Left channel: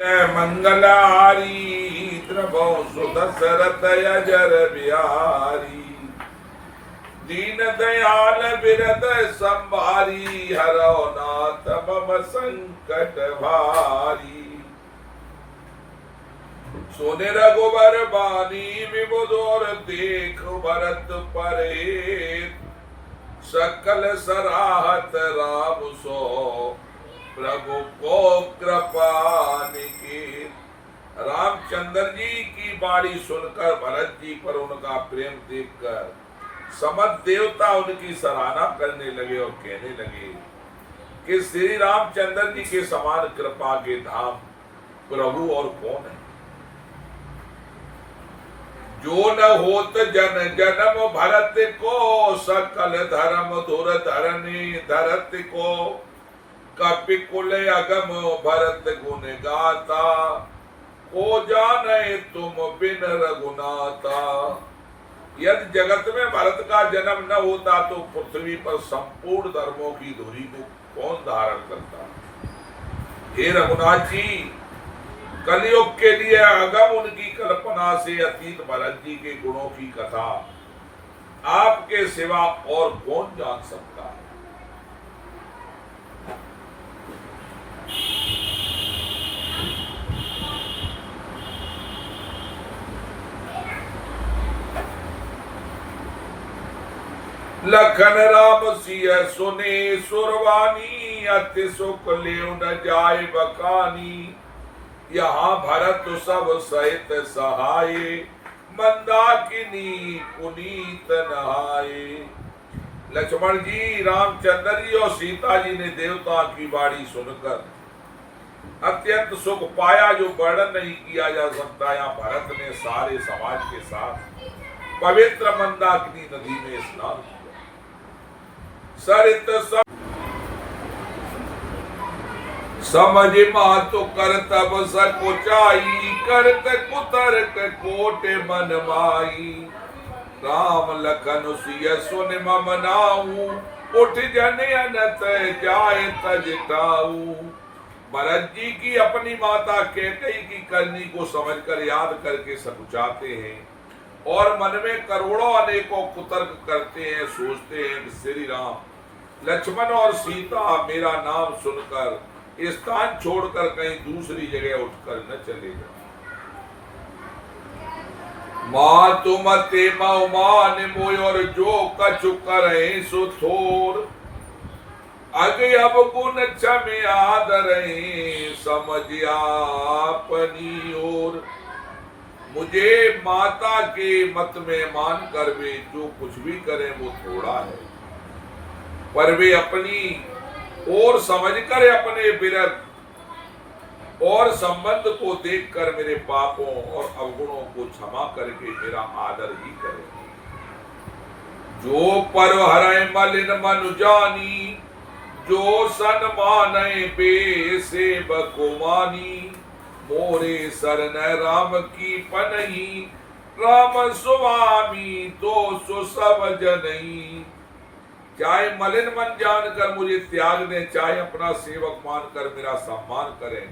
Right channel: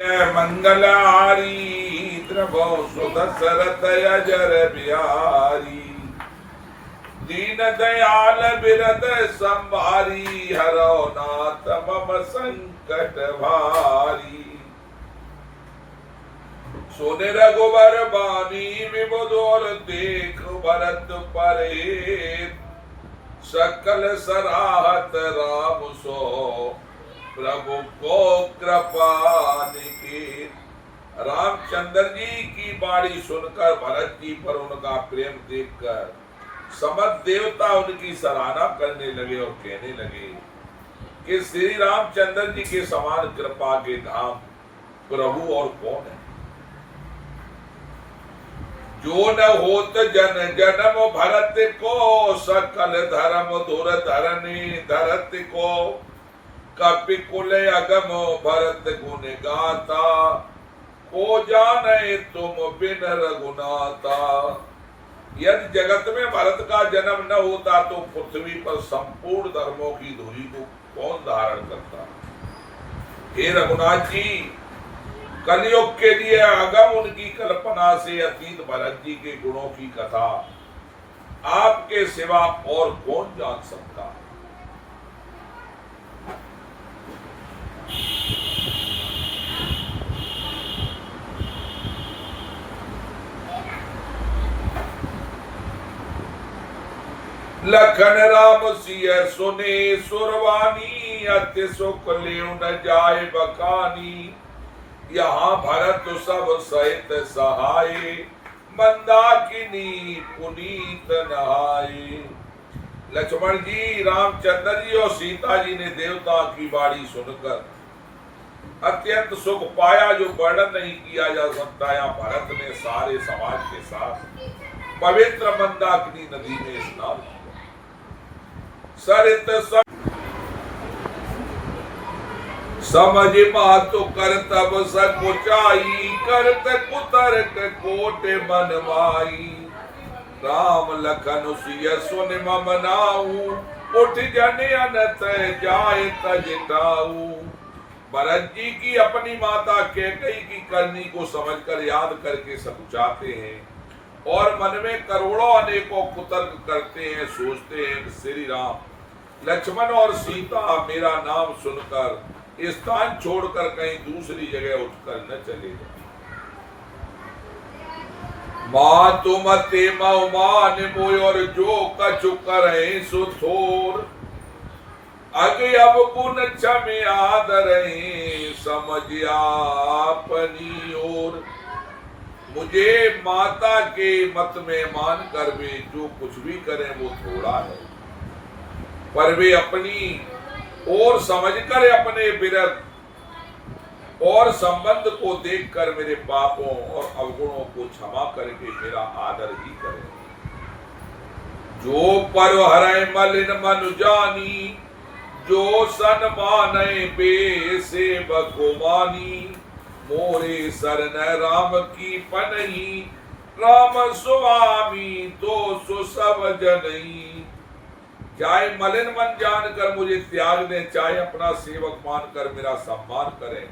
मंगलारी द्रवो सुदशरथ अजर बिहारी दीन दयाल बिरद संभारी हरो नाथ मम संकट भारी। सुने रघुबर बानी विबुधोर देख भरत परे सकल सराहत राम सो प्रभु को कृपा निकीर। रामचंद्र जी की बाणी सुनकर भरत जी पर उनका प्रेम देखकर समस्त देवता उनकी सराहना करने लगे और कहने लगे कि श्री रामचंद्र जी के समान कृपा के धाम प्रभु और कौन है। जो न होत जन जन्म भरत को सकल धर्म धुर धरनी धरत को कपि कुल अगम भरत गुण गाता को जाने तुम बिन रघुनाथा। यदि जगत में भरत का जन्म न होता तो पृथ्वी पर संपूर्ण धर्मों की धुरी को कौन धारण करता। हे रघुनाथ जी, कलयुग के लिए अगम उनकी कल्पना से अतीत भरत जी के गुणों की कथा आपके सिवा और कौन जान सकता है। लखन राम सिय सुने सुरवानी अति सुख ले न जाय बखानी। यहाँ भरत सब सहित सहाय मंदाकिनी पुनीत नहाए। लक्ष्मण जी, रामचंद्र जी और सीता जी ने देवता की बाणी सुनकर अत्यंत सुख पाया जो वर्णन नहीं किया जा सकता। यहाँ भरत ने सारे समाज के साथ पवित्र मंदाकिनी नदी में स्नान किया। सरित समझ मातु करतब सकुचाई करत कुतर्क कोट मन माई। राम लखन सिय सुन मम नाऊ उठ जन अनत जाय तजटाऊ। भरत जी की अपनी माता कैकेयी की करनी को समझकर याद करके सकुचाते हैं और मन में करोड़ों अनेकों कुतर्क करते हैं। सोचते हैं कि श्री राम लक्ष्मण और सीता मेरा नाम सुनकर स्थान छोड़कर कहीं दूसरी जगह उठकर न चले जाए। मां तुम ते मान मोय और जो कछु करे सो थोर। अगे अब गुण क्षमे आदरे समझ आपनी ओर। मुझे माता के मत में मान कर वे जो कुछ भी करें वो थोड़ा है, पर वे अपनी और समझकर अपने विरध और संबंध को देखकर मेरे पापों और अवगुणों को क्षमा करके मेरा आदर ही करें। जो पर हरै मलिन मनु जानी जो सन्मानै बेसेवक मानी। मोरे शरण राम की पनही राम स्वामी तो सो सब जनई। चाहे मलिन मन जानकर मुझे त्याग दें, चाहे अपना सेवक मानकर मेरा सम्मान करें,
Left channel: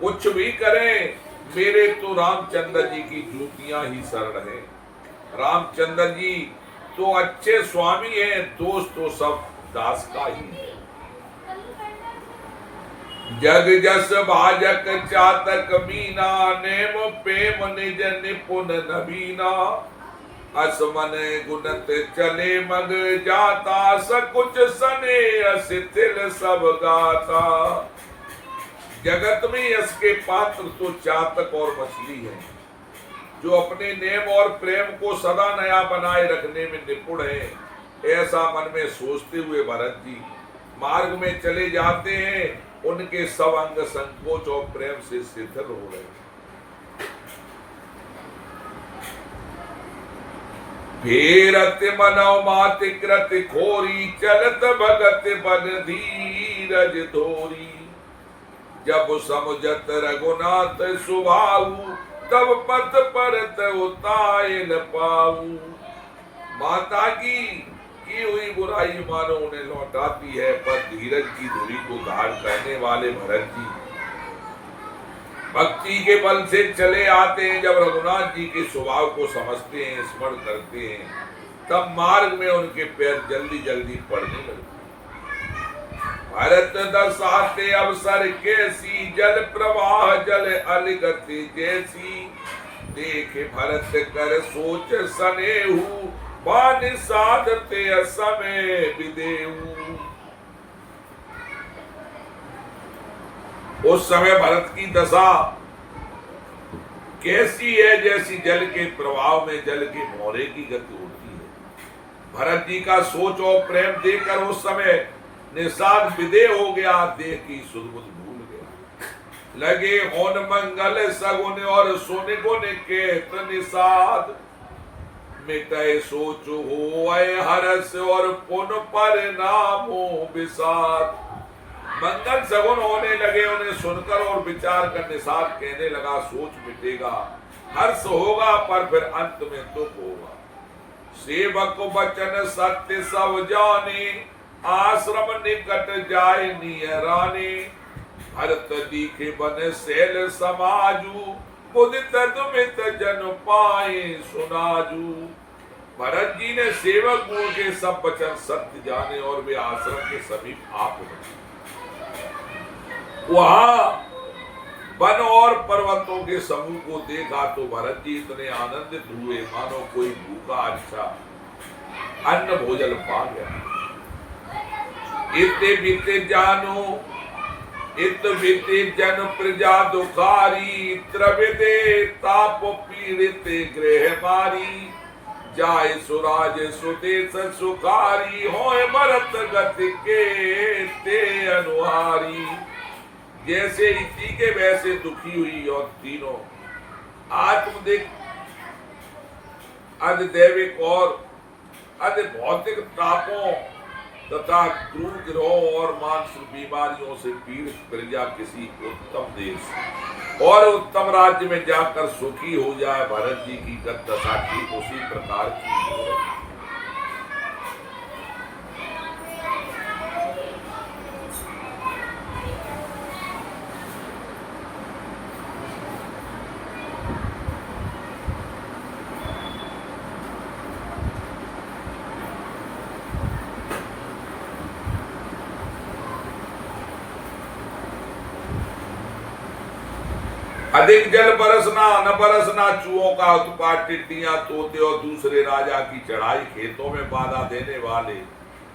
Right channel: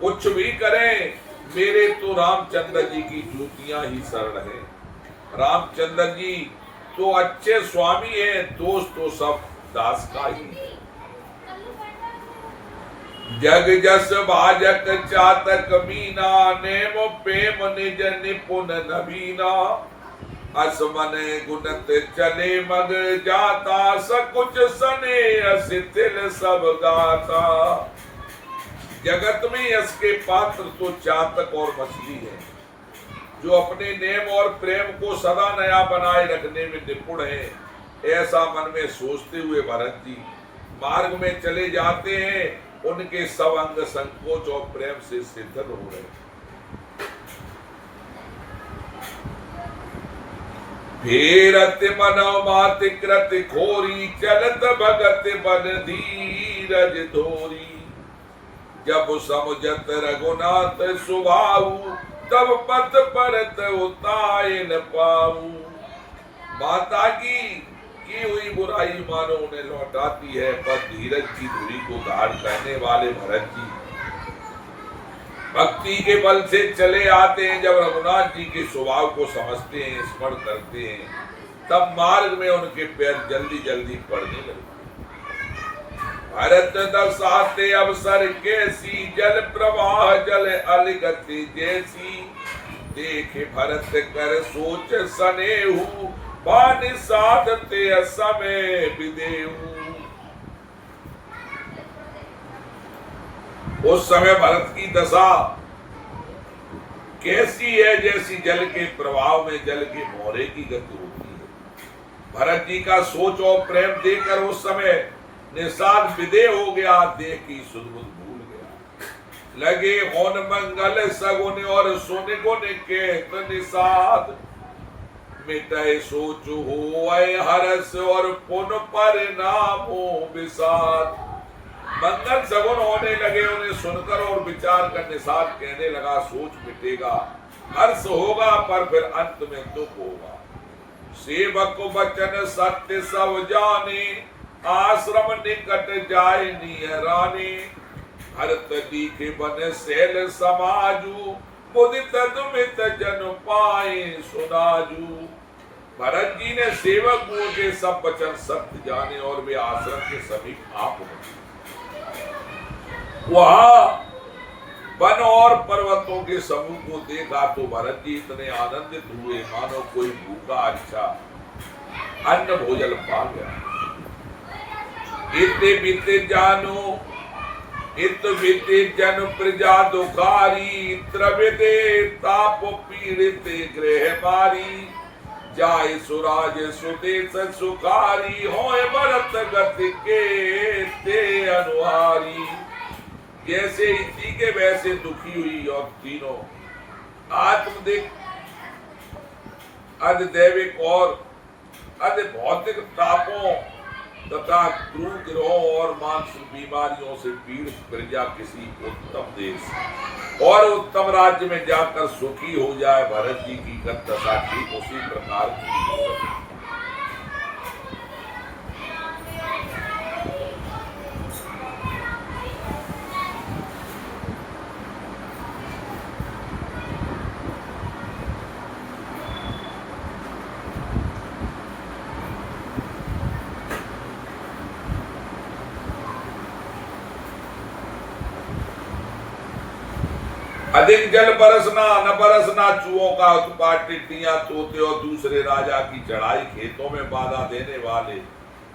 कुछ भी करें, मेरे तो रामचंद्र जी की जूतियां ही शरण है। रामचंद्र जी तो अच्छे स्वामी हैं, दोस्त तो सब दास का ही है। जग जस भाजक चातक मीना नेम प्रेम निज निपुण नबीना। असमन गुणत चले मग जाता सकुच सने असितिल सब गाता। जगत में यश के पात्र तो चातक और मछली है, जो अपने नेम और प्रेम को सदा नया बनाए रखने में निपुण है। ऐसा मन में सोचते हुए भरत जी मार्ग में चले जाते हैं। उनके सब अंग संकोच और प्रेम से शिथिल हो रहे। फेरत मनौ माति कृत खोरी चलत भगत बन धीरज धोरी। जब समुझत रघुनाथ सुभाऊ तब पथ परत उताय न पाऊ। माता की हुई बुराई मानो उन्हें लौटाती है, पर धीरज की धुरी को धारण करने वाले भरत जी भक्ति के बल से चले आते हैं। जब रघुनाथ जी के स्वभाव को समझते हैं, स्मरण करते हैं, तब मार्ग में उनके पैर जल्दी जल्दी पड़ने लगते। भरत दसाते अवसर कैसी, जल प्रवाह जल अलगति जैसी। देखे भरत कर सोच सनेहू, बान साधते समय विदेहू। उस समय भरत की दशा कैसी है, जैसी जल के प्रभाव में जल के मोहरे की गति होती है। भरत जी का सोच और प्रेम देखकर उस समय निषाद विदेह हो गया, देह की सुध बुध भूल गया। लगे होन मंगल सगुन और सुन गुण केत निषाद। मिटे सोच हो हरस और पुन परिणामो विषाद। मंगल सगुन होने लगे उन्हें सुनकर और विचार कर निषाद कहने लगा, सोच मिटेगा, हर्ष होगा, पर फिर अंत में दुख होगा। सेवक वचन सत्य सब जाने, आश्रम निकट जाए नियराने। भरत दीखे बन शैल समाजू, मुदित दुमित जन पाए सुनाजू। भरत जी ने सेवक गुरु के सब वचन सत्य जाने और वे आश्रम के समीप आ पहुंचे। वहां वन और पर्वतों के समूह को देखा तो भरत जी इतने आनंदित हुए मानो कोई भूखा अच्छा अन्न भोजन पा गया। इतने बीते जानो इत बीते जन प्रजा दुखारी, त्रविदे ताप पीड़ित गृह मारी। जाय सुराज सुदेश सुखारी, होय भरत गति के ते अनुहारी। जैसे इति के वैसे दुखी हुई और तीनों आत्मदिक, अधिदैविक और अधिभौतिक तापों तथा क्रूर ग्रहों और मानसिक बीमारियों से पीड़ित प्रजा किसी उत्तम देश और उत्तम राज्य में जाकर सुखी हो जाए। भरत जी की दशा ठीक उसी प्रकार की हो रही। अधिक जल बरसना न बरसना, चूहों का उत्पात, टिड्डियां, तोते और दूसरे राजा की चढ़ाई, खेतों में बाधा देने वाले,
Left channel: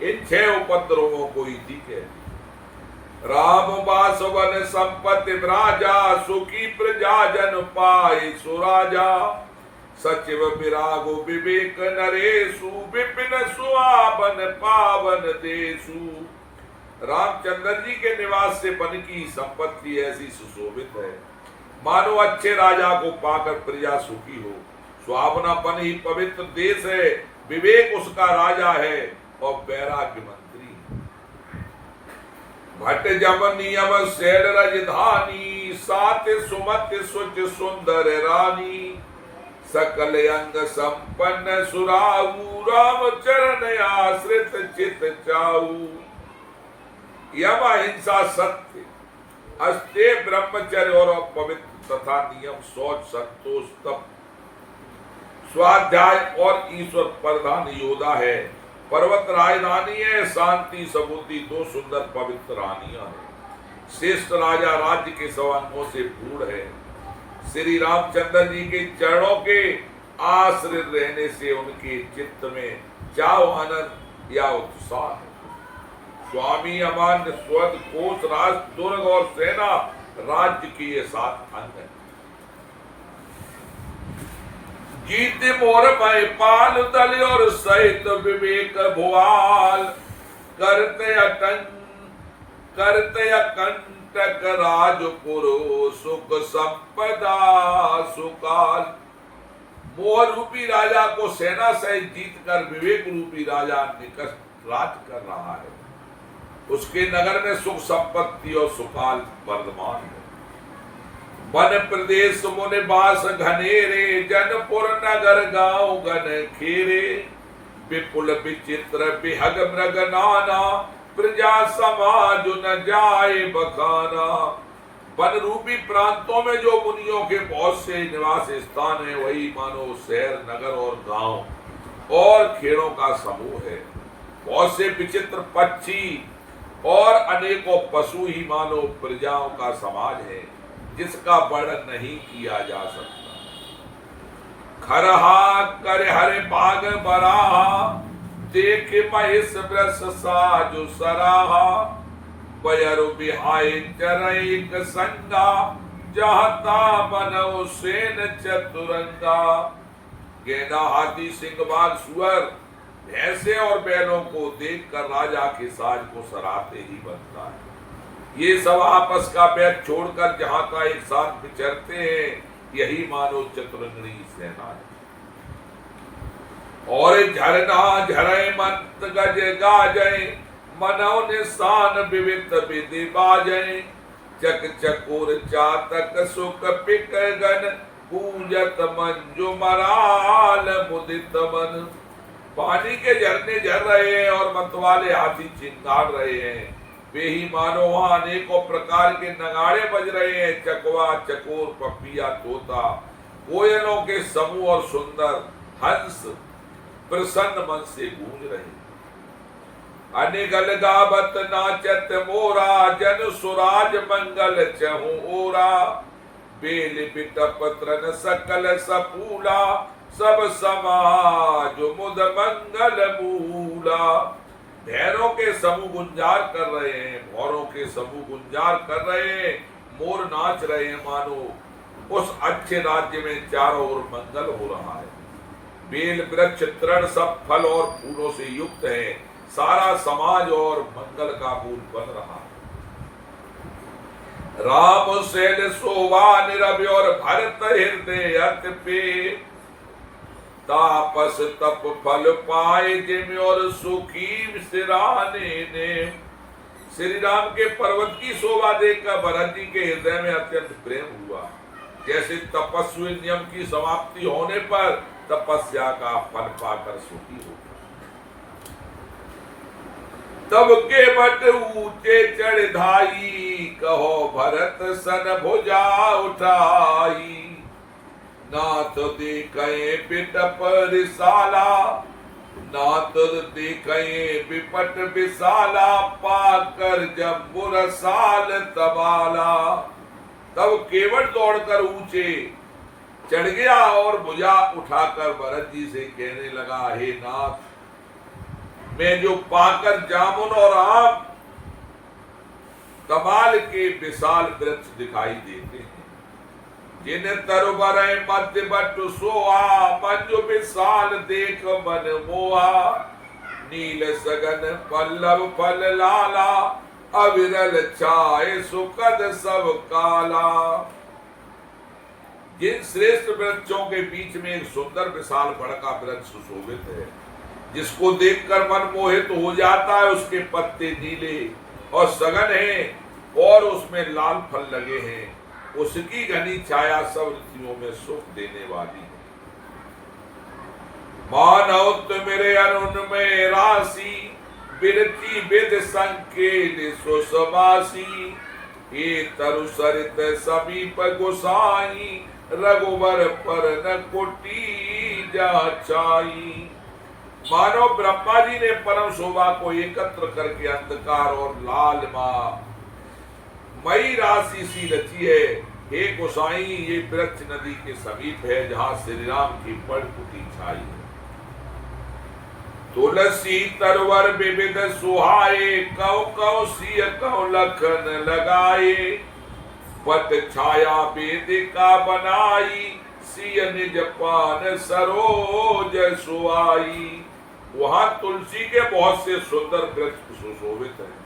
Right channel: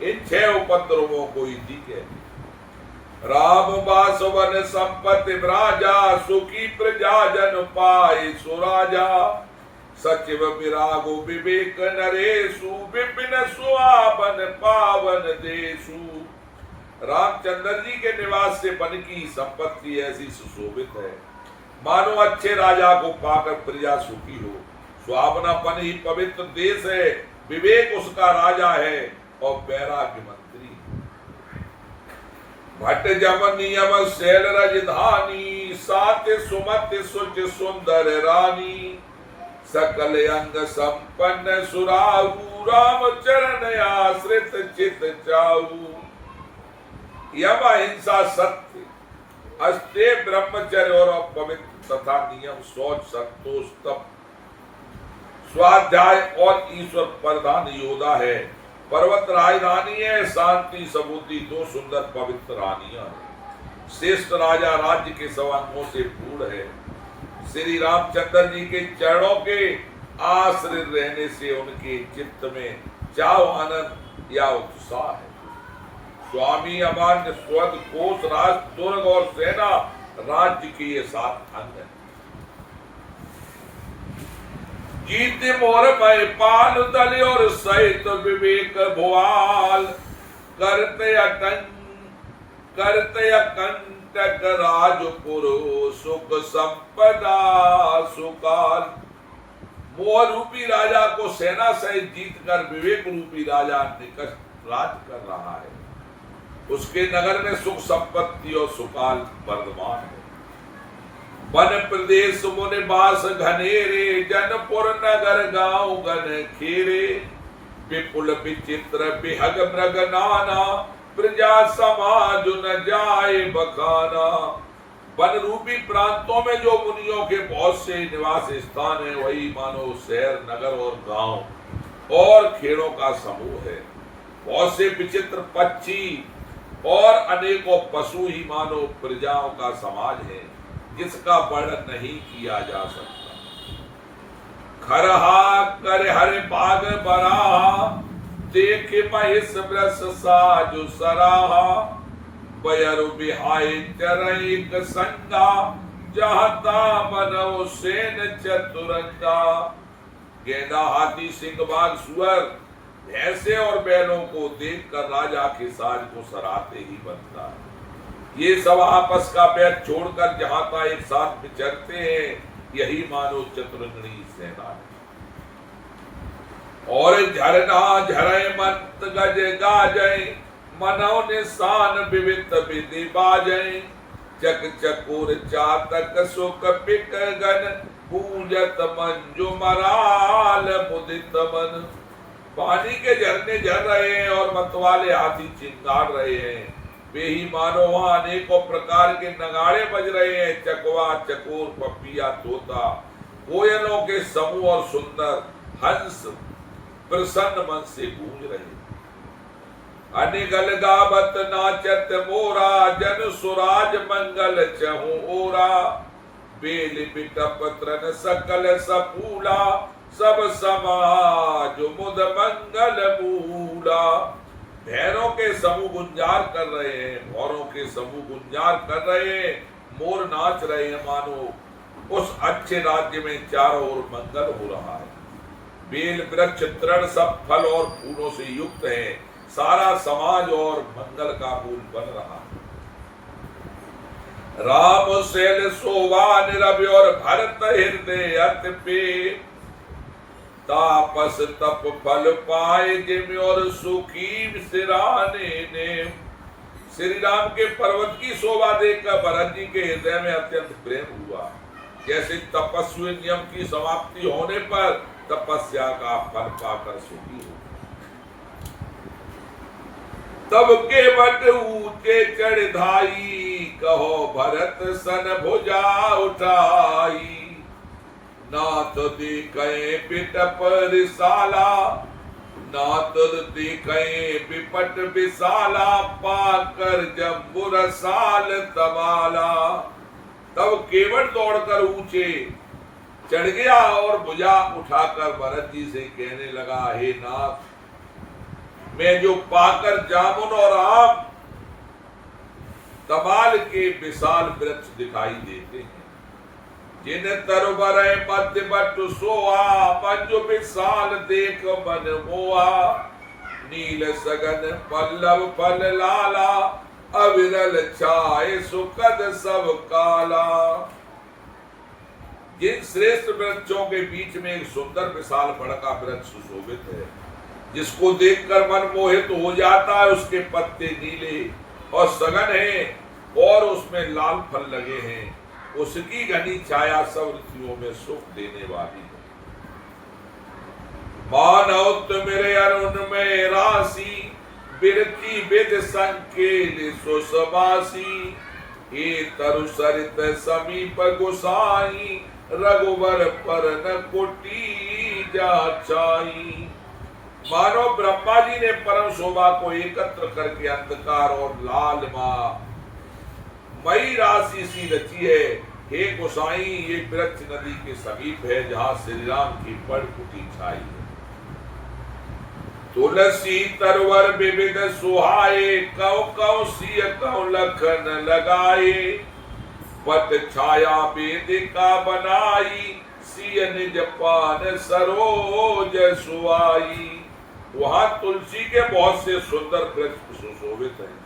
इन 6 उपद्रवों को इति कहते। राम बासवन संपत्ति राजा, सुखी प्रजा जन पाए सुराजा। सचिव विरागो विवेक नरेशु, विपिन सुहावन पावन देशु। रामचंद्र जी के निवास से वन की संपत्ति ऐसी सुशोभित है मानो अच्छे राजा को पाकर प्रजा सुखी हो। सुहावनापन ही पवित्र देश है, विवेक उसका राजा है और वैराग्य मंत्री। भट्ट जम नियम शैल राजधानी, सात सुमत सुच सुंदर रानी। सकल अंग संपन्न सुराऊ, राम चरण आश्रित चित चाऊ। यम अहिंसा सत्य, अस्ते ब्रह्मचर्य और पवित्र तथा नियम, शौच संतोष तप स्वाध्याय और ईश्वर प्रधान योद्धा है। पर्वत राजधानी है, शांति सबूती 2 सुंदर पवित्र रानियां है। श्रेष्ठ राजा राज्य के सब अंगों से पूर्ण है। श्री रामचंद्र जी के चरणों के आश्रित रहने से उनके चित्त में चाव आनंद या उत्साह है। स्वामी अमान्य स्वद कोष राष्ट्र दुर्ग और सेना राज्य के ये 7 अंग है। जीत मोर मय पाल दल और सहित विवेक भुआल। करते अकंटक राजपुर, सुख संपदा सुकाल। मोह रूपी राजा को सेना सहित जीत कर विवेक रूपी राजा निकट राज कर रहा है। उसके नगर में सुख संपत्ति और सुकाल वर्धमान है। वन प्रदेश मुनि बास घनेरे, जनपुर नगर गांव गन खेरे। विपुल विचित्र विहग मृग नाना, प्रजा समाज न जाए बखाना। वन रूपी प्रांतों में जो मुनियों के बहुत से निवास स्थान है, वही मानो शहर, नगर और गांव और खेड़ों का समूह है। बहुत से विचित्र पक्षी और अनेकों पशु ही मानो प्रजाओं का समाज है, जिसका वर्णन नहीं किया जा सकता। खरहा कर हरे बाग बराहा, देख महिष वृष साजु सराहा, बयरु बिहाय चरैक संगा, जहता बनौ सेन चतुरंगा। गेंडा, हाथी, सिंह, बाघ, सुअर, भैंसे और बैलों को देखकर राजा के साज को सराहते ही बनता है। ये सब आपस का बैर छोड़कर जहां तक एक साथ विचरते हैं, यही मानो चतुरंगणी सेना है। और झरना झरे मंत गज गाजय, मनौ निशान विविध विधि बाजय, चक चकोर चातक सुख पिक गन, पूजत मंजु मराल मुदित मन। पानी के झरने झर रहे हैं और मतवाले हाथी चिंगार रहे हैं, वे ही मानो वहां अनेकों प्रकार के नगाड़े बज रहे हैं। चकवा, चकोर, पपिया, तोता, कोयलों के समूह और सुंदर हंस प्रसन्न मन से गूंज रहे। अनिगल गावत नाचत मोरा, जन सुराज मंगल चहु ओरा, बेल बिटप त्रन सकल सपूला, सब समाज मुद मंगल मूला। भैरों के समूह गुंजार कर रहे हैं, भौरों के समूह गुंजार कर रहे हैं, मोर नाच रहे हैं, मानो उस अच्छे राज्य में चारों ओर मंगल हो रहा है। बेल वृक्ष तृण सब फल और फूलों से युक्त है, सारा समाज और मंगल का मूल बन रहा है। राम शैल शोभा निरभ्य और भरत हृदय अति पे, तापस तप फल पाए जिम और सुखी सिराने ने। श्री राम के पर्वत की शोभा देखकर भरत जी के हृदय में अत्यंत प्रेम हुआ। जैसे तपस्वी नियम की समाप्ति होने पर तपस्या का फल पाकर सुखी हो। तब के बट ऊंचे चढ़ धाई, कहो भरत सन भुजा उठाई। नाथ दिखे बिटप रिसाला, नाथ दिखे बिपट विशाला, पाकर जम्बुर साल तबाला। तब केवट दौड़कर ऊंचे चढ़ गया और भुजा उठाकर भरत जी से कहने लगा, हे नाथ, मैं जो पाकर जामुन और आम तमाल के विशाल वृक्ष दिखाई देते हैं, जिन तरबर मध्य बट सोआ, मंजु विशाल देख मन मोआ। नील सगन पल्लव फल लाला, अविरल छाए सुखद सब काला। जिन श्रेष्ठ वृक्षों के बीच में एक सुंदर विशाल बड़ का वृक्ष सुशोभित है, जिसको देखकर मन मोहित हो जाता है। उसके पत्ते नीले और सघन हैं और उसमें लाल फल लगे हैं। उसकी घनी छाया सब ऋतुओं में सुख देने वाली है। मानव मेरे अरुण में राशि, बिरती विद संकेल सुसमासी। ये तरु सरित समीप गोसाई, रघुवर पर न कुटी जा चाई। मानो ब्रह्मा जी ने परम शोभा को एकत्र करके अंधकार और लाल मां मई राशि सी रची है। हे गोसाई, ये वृक्ष नदी के समीप है, जहां श्री राम की बड़ कुटी छाई है। तुलसी तरवर विविध सुहाए, कौ कौ सिय कौ लखन लगाए। पत छाया वेदिका बनाई, सिय निज पान सरोज सुआई। वहां तुलसी के बहुत से सुंदर वृक्ष सुशोभित हैं,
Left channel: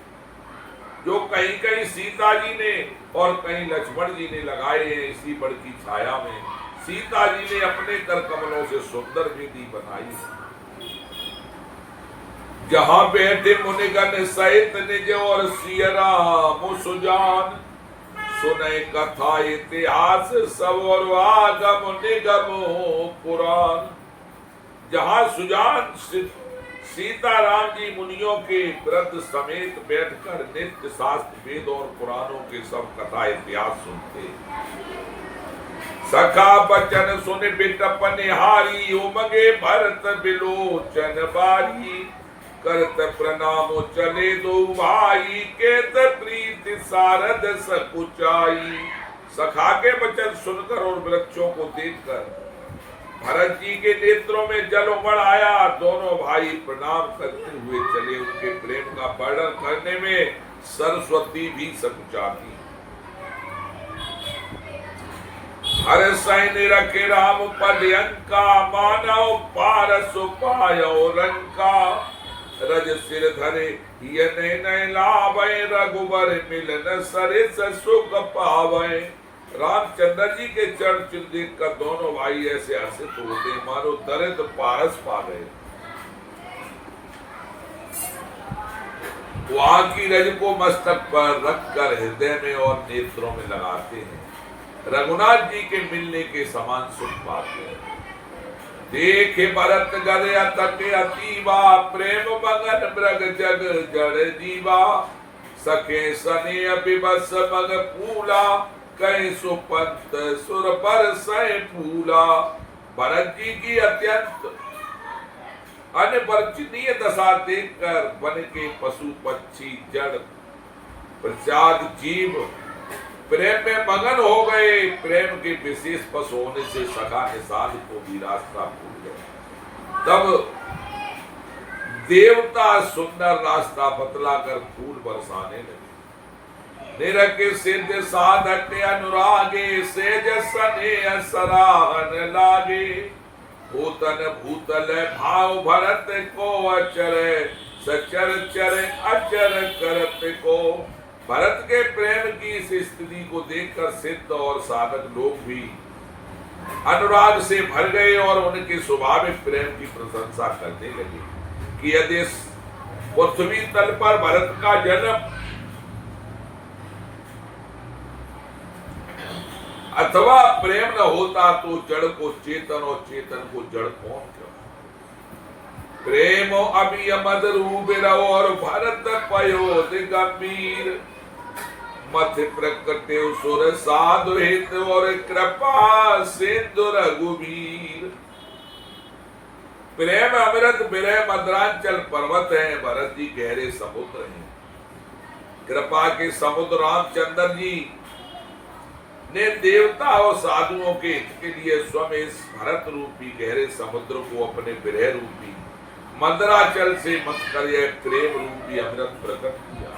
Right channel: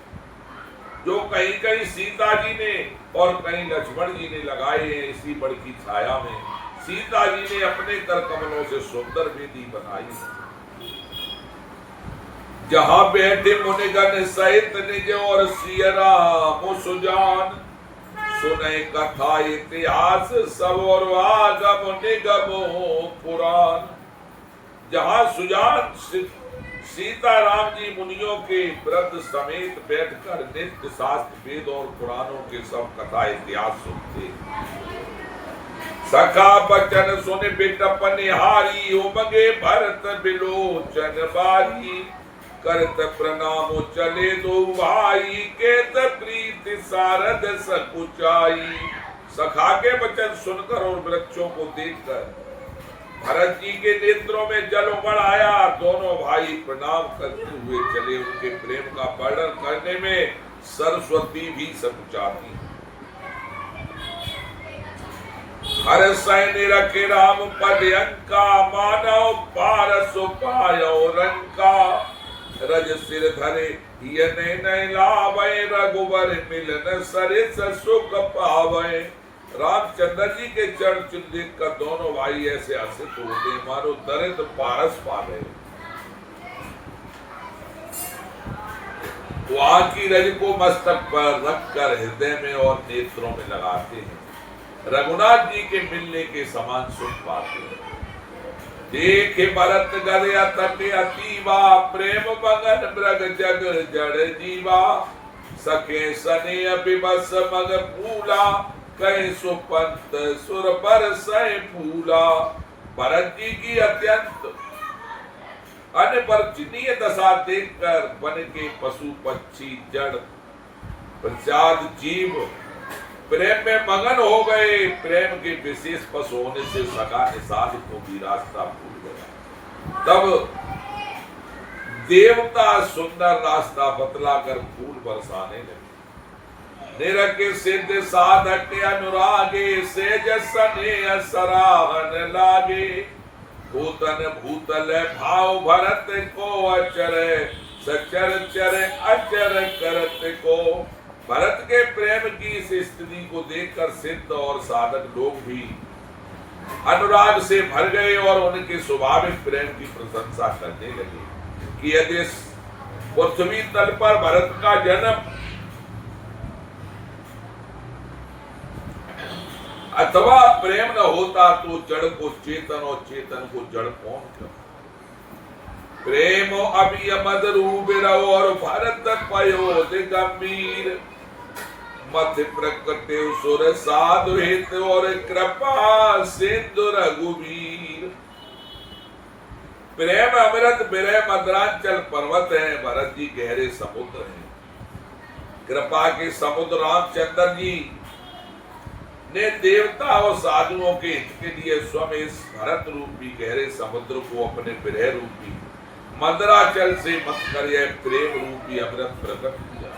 जो कहीं कहीं सीता जी ने और कहीं लक्ष्मण जी ने लगाए हैं। इसी बड़ की छाया में सीता जी ने अपने कर कमलों से सुंदर वेदी बनाई है। जहां बैठे मुनिगण सहित निज और सिय राम सुजान। सुने कथा इतिहास सब और आगम निगम पुराण। जहां सुजान सीता राम जी मुनियों के वृद्ध समेत बैठकर नित्य शास्त्र वेद और पुराणों के सब कथा इतिहास सुनते। सखा बचन सुन बिटप निहारी, उमगे भरत बिलोचन बारी। करत प्रणाम चले दो भाई, केत प्रीति सारद सकुचाई। सखा के वचन सुनकर और वृक्षों को देखकर भरत जी के नेत्रों में जल उमड़ आया। दोनों भाई प्रणाम करते हुए चले। उनके प्रेम का वर्णन करने में सरस्वती भी सकुचाती। हर सैन्य रखे राम पद अंका, मानव पारस पायो रंका। रज सिर धरे ये लावे, रघुवर मिलन सरिस सुख पावे। रामचंद्र जी के चरण चिन्ह देखकर दोनों भाई ऐसे हर्षित होते मानो दरिद्र पारस पा गए। वहां की रज को मस्तक पर रखकर हृदय में और नेत्रों में लगाते हैं। रघुनाथ जी के मिलने के समान सुख पाते हैं। देखे भरत गदया तटे अतीवा, प्रेम मगन मृग जग जड़ जीवा। सखे सने अभिबस मग फूला, कहीं सुपंत सुर पर सय फूला। भरत जी की अत्यंत अनिवर्चनीय दशा देखकर वन के पशु पक्षी जड़ प्रसाद जीव प्रेम में मगन हो गए। प्रेम के विशेष पश होने से सखा निषाद को भी रास्ता भूल गया। तब देवता सुंदर रास्ता बतलाकर फूल बरसाने लगे। निरख सिद्ध साधक अनुरागे, सेज सने सराहन लागे। भूतन भूतल भाव भरत को, अचर सचर चर अचर करत को। भरत के प्रेम की इस स्थिति को देखकर सिद्ध और साधक लोग भी अनुराग से भर गए और उनके स्वाभाविक प्रेम की प्रशंसा करने लगे कि यदि पृथ्वी तल पर भरत का जन्म अथवा प्रेम न होता तो जड़ को चेतन और चेतन को जड़ कौन क्यों। प्रेम अभियमद रूप और भरत पयो गंभीर। मथ प्रकटे सुर साधु हित और कृपा सिंधु रघुवीर। प्रेम अमृत विरह मद्रांचल पर्वत है, भरत जी गहरे समुद्र हैं। कृपा के समुद्र रामचंद्र जी ने देवता और साधुओं के हित के लिए स्वयं इस भरत रूपी गहरे समुद्र को अपने विरह रूपी मद्राचल से मत कर यह प्रेम रूपी अमृत प्रकट किया।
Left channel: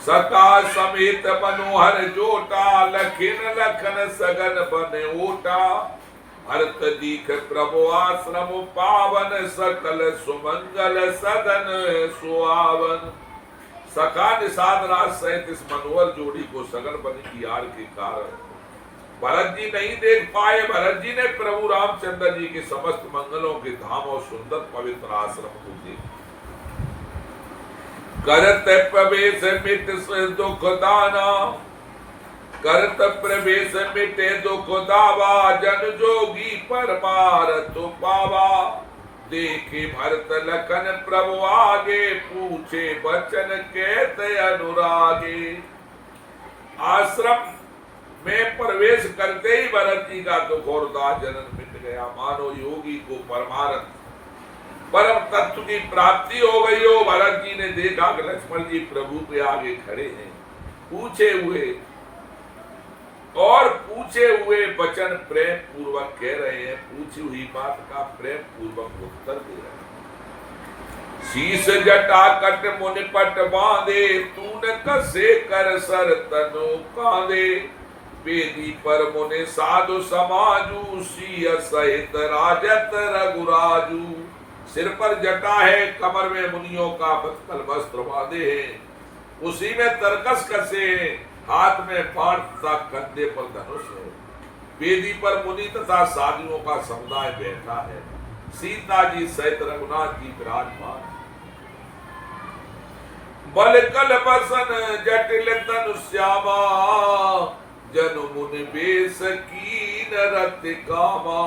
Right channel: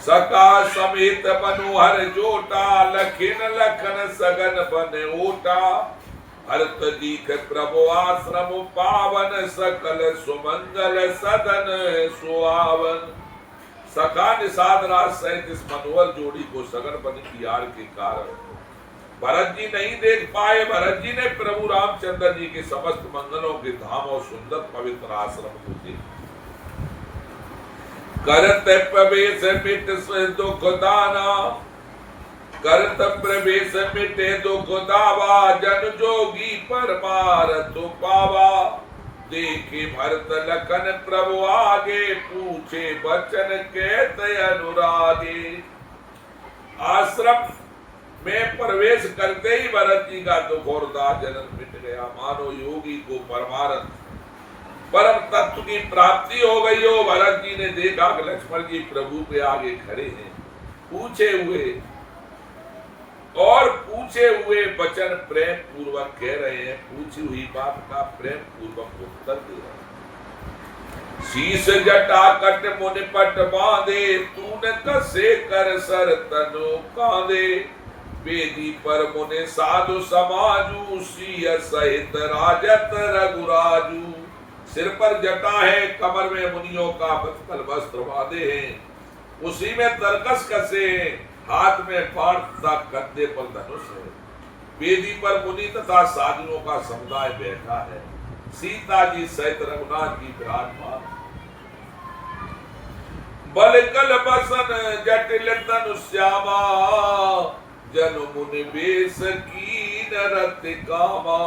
सका समेत मनोहर जोटा, लखिन लखन सगन बन ओटा। भरत दीख प्रभु आश्रम पावन, सकल सुमंगल सदन सुहावन। सका निषाद राज सहित इस मनोहर जोड़ी को सगन बन की आड़ के कारण भरत जी नहीं देख पाए। भरत जी ने प्रभु रामचंद्र जी के समस्त मंगलों के धाम और सुंदर पवित्र आश्रम को देखा। करत प्रवेश मिट दुख दाना, करत प्रवेश मिटे दुख दावा। जन जोगी परमारथ पावा। देखे भरत लखन प्रभु आगे, पूछे बचन कहते अनुरागे। आश्रम में प्रवेश करते ही भरत जी का दुख और दाह जनन मिट गया। मानो योगी को परमारथ परम तत्व की प्राप्ति हो गई हो। भरत जी ने देखा कि लक्ष्मण जी प्रभु के आगे खड़े हैं, पूछे हुए वचन प्रेम पूर्वक कह रहे हैं। पूछी हुई बात का प्रेम पूर्वक उत्तर दे रहे हैं। शीश जटा कट मुनि पट बांधे, तूने कसे कर सर तनु कांधे। वेदी पर मुनि साधु समाजू, सिय सहित राजत रघुराजू। सिर पर जटा है, कमर में मुनियों का बत्तल वस्त्र बांधे हैं, उसी में तरकस कसे हैं, हाथ में बाण तथा कंधे पर धनुष है। वेदी पर मुनि तथा साधुओं का समुदाय बैठा है। सीता जी सहित रघुनाथ जी विराजमान। बल कल बसन जटिल तनु श्यामा, जन मुनि बेस कीन रति कामा।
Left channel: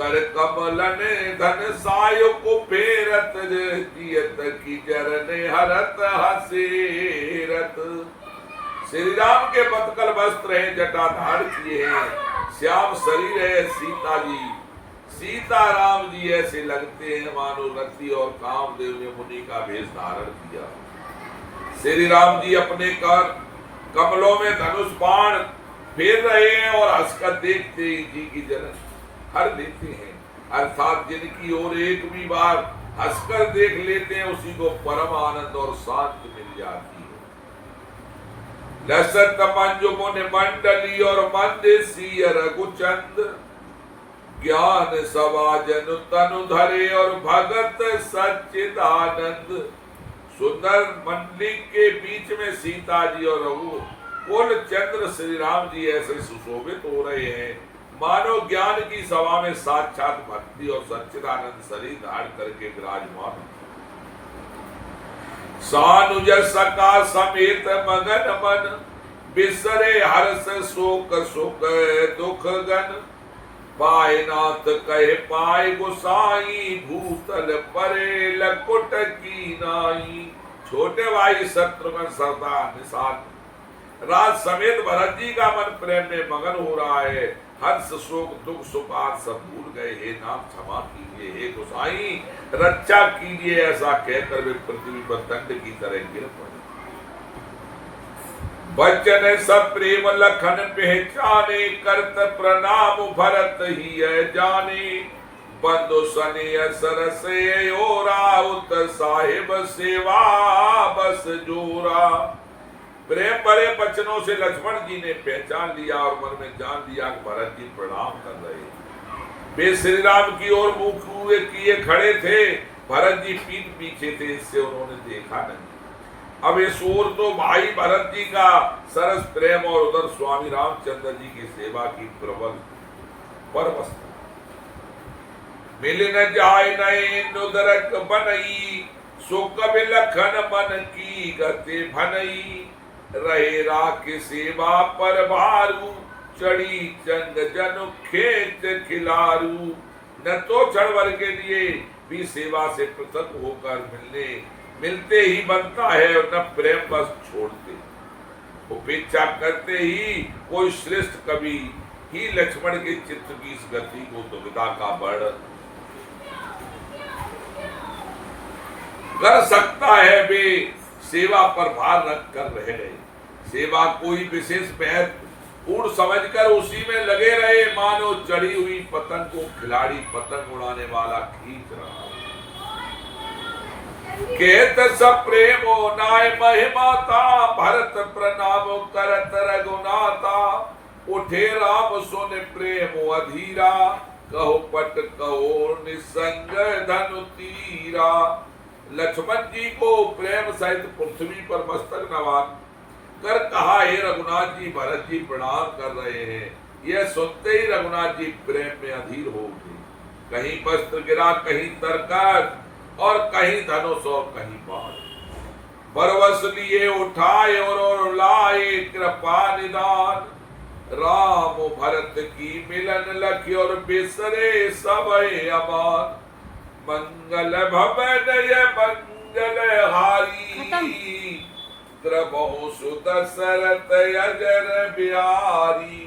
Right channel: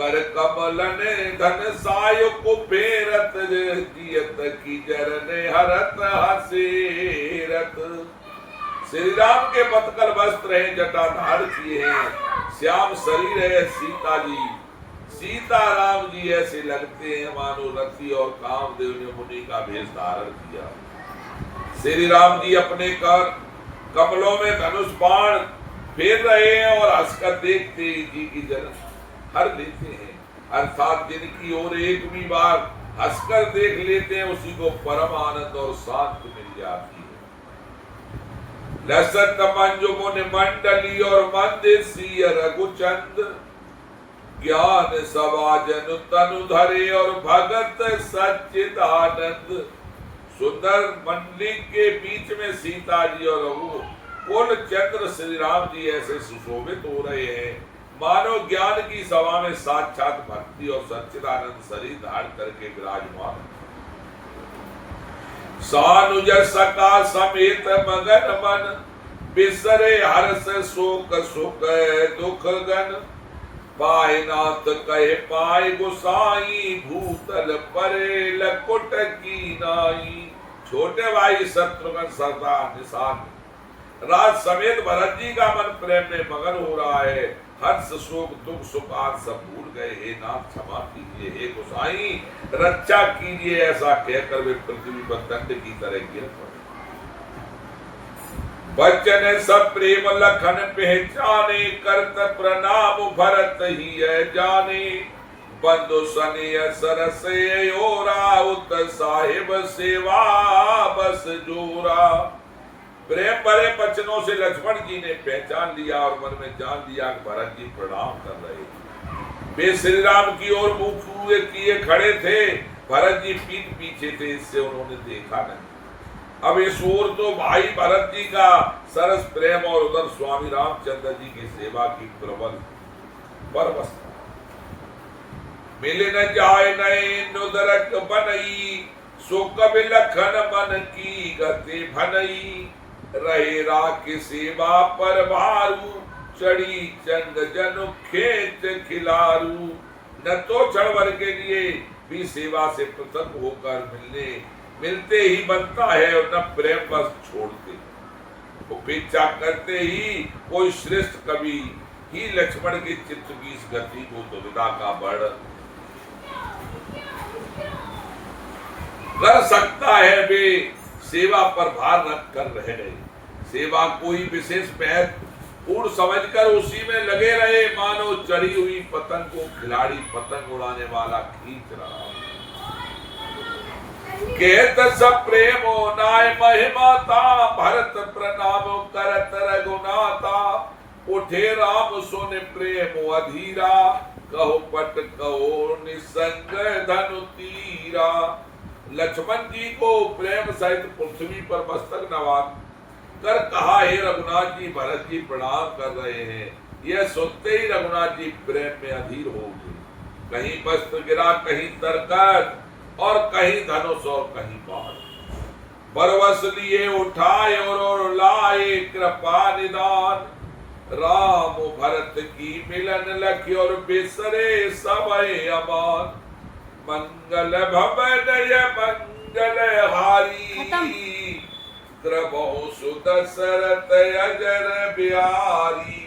कर कमलन धन साय को फेरत जियत की जरने हरत हसेरत। श्री राम के पतकल वस्त्र हैं, जटाधार किए हैं, श्याम शरीर है सीता जी। सीता राम जी ऐसे लगते हैं मानो रति और कामदेव ने मुनि का भेष धारण किया। श्री राम जी अपने कर कमलों में धनुष बाण फेर रहे हैं और हंसकर देखते ही जी की जलन हर लेते हैं, अर्थात जिनकी ओर एक भी बार हंसकर देख लेते हैं उसी को परम आनंद और शांति मिल जाती है। लसत मंजु मुनि मंडली और मंदेसी रघुचंद, ज्ञान सवाजन तनु धरे और भगत सच्चिदानंद। सुंदर मंडली के बीच में सीता जी और रघु कुल चंद्र श्री राम जी ऐसे सुशोभित हो रहे हैं मानो ज्ञान की सभा में साक्षात भक्ति और सच्चिदानंद शरीर धारण करके विराजमान। सानुज सका समेत मगन मन, बिसरे हर्ष शोक सुख दुख गन। पाए नाथ कहे पाए गोसाई, भूतल परे लकुट की नाई। छोटे भाई शत्रुघ्न सरदार निशान राज समेत भरत जी का मन प्रेम में मगन हो रहा है। हर्ष शोक दुख सुख आज सब भूल गए। हे नाथ क्षमा कीजिए, हे गोसाई रक्षा कीजिए, ऐसा कहकर वे पृथ्वी पर दंड की तरह गिर पड़े। बचन सब प्रेम लखन पहचाने, करत प्रणाम भरत ही जाने। बंधु सने सरस राउत, साहिब सेवा बस जोरा। प्रेम भरे वचनों से लक्ष्मण जी ने पहचान लिया और मन में जान लिया कि भरत जी प्रणाम कर रहे। वे श्री राम की ओर मुख किए खड़े थे, भरत जी पीठ पीछे थे, इससे उन्होंने देखा नहीं। अब इस ओर तो भाई भरत जी का सरस प्रेम और उधर स्वामी रामचंद्र जी की सेवा की प्रबल परवस्था। मिल न जाए नए नुदरक बनई, सो कबि लखन मन की गति भनई। रहे राख सेवा पर भारू, चढ़ी चंग जनु खेत खिलारू। न तो क्षण के लिए भी सेवा से पृथक होकर मिलते ही बनता है और न प्रेम बस छोड़ते। उपेक्षा करते ही कोई श्रेष्ठ कवि ही लक्ष्मण के चित्त की इस गति को दुविधा का बढ़ कर सकता है। वे सेवा पर भार रख कर रह गए। सेवा कोई विशेष महत्वपूर्ण समझकर उसी में लगे रहे, मानो चढ़ी हुई पतंग को खिलाड़ी पतंग उड़ाने वाला खींच रहा है। कहत सब प्रेमो नाय महिमाता, भरत प्रणाम करत रघुनाथा। उठे राम सुन प्रेम अधीरा, कहो पट कहो निसंग धनु तीरा। लक्ष्मण जी को प्रेम सहित पृथ्वी पर मस्तक नवान कर कहा, हे रघुनाथ जी भरत जी प्रणाम कर रहे हैं। यह सुनते ही रघुनाथ जी प्रेम में अधीर हो गए। कहीं वस्त्र गिरा, कहीं तरकत और कहीं धनुष और कहीं बाण। बरवस लिए उठाए और लाए कृपा निदान। राम भरत की मिलन लखी और बिसरे सबय अमान। मंगल भवन मंगल हारी, कृपो सुत सरत अजर बिहारी।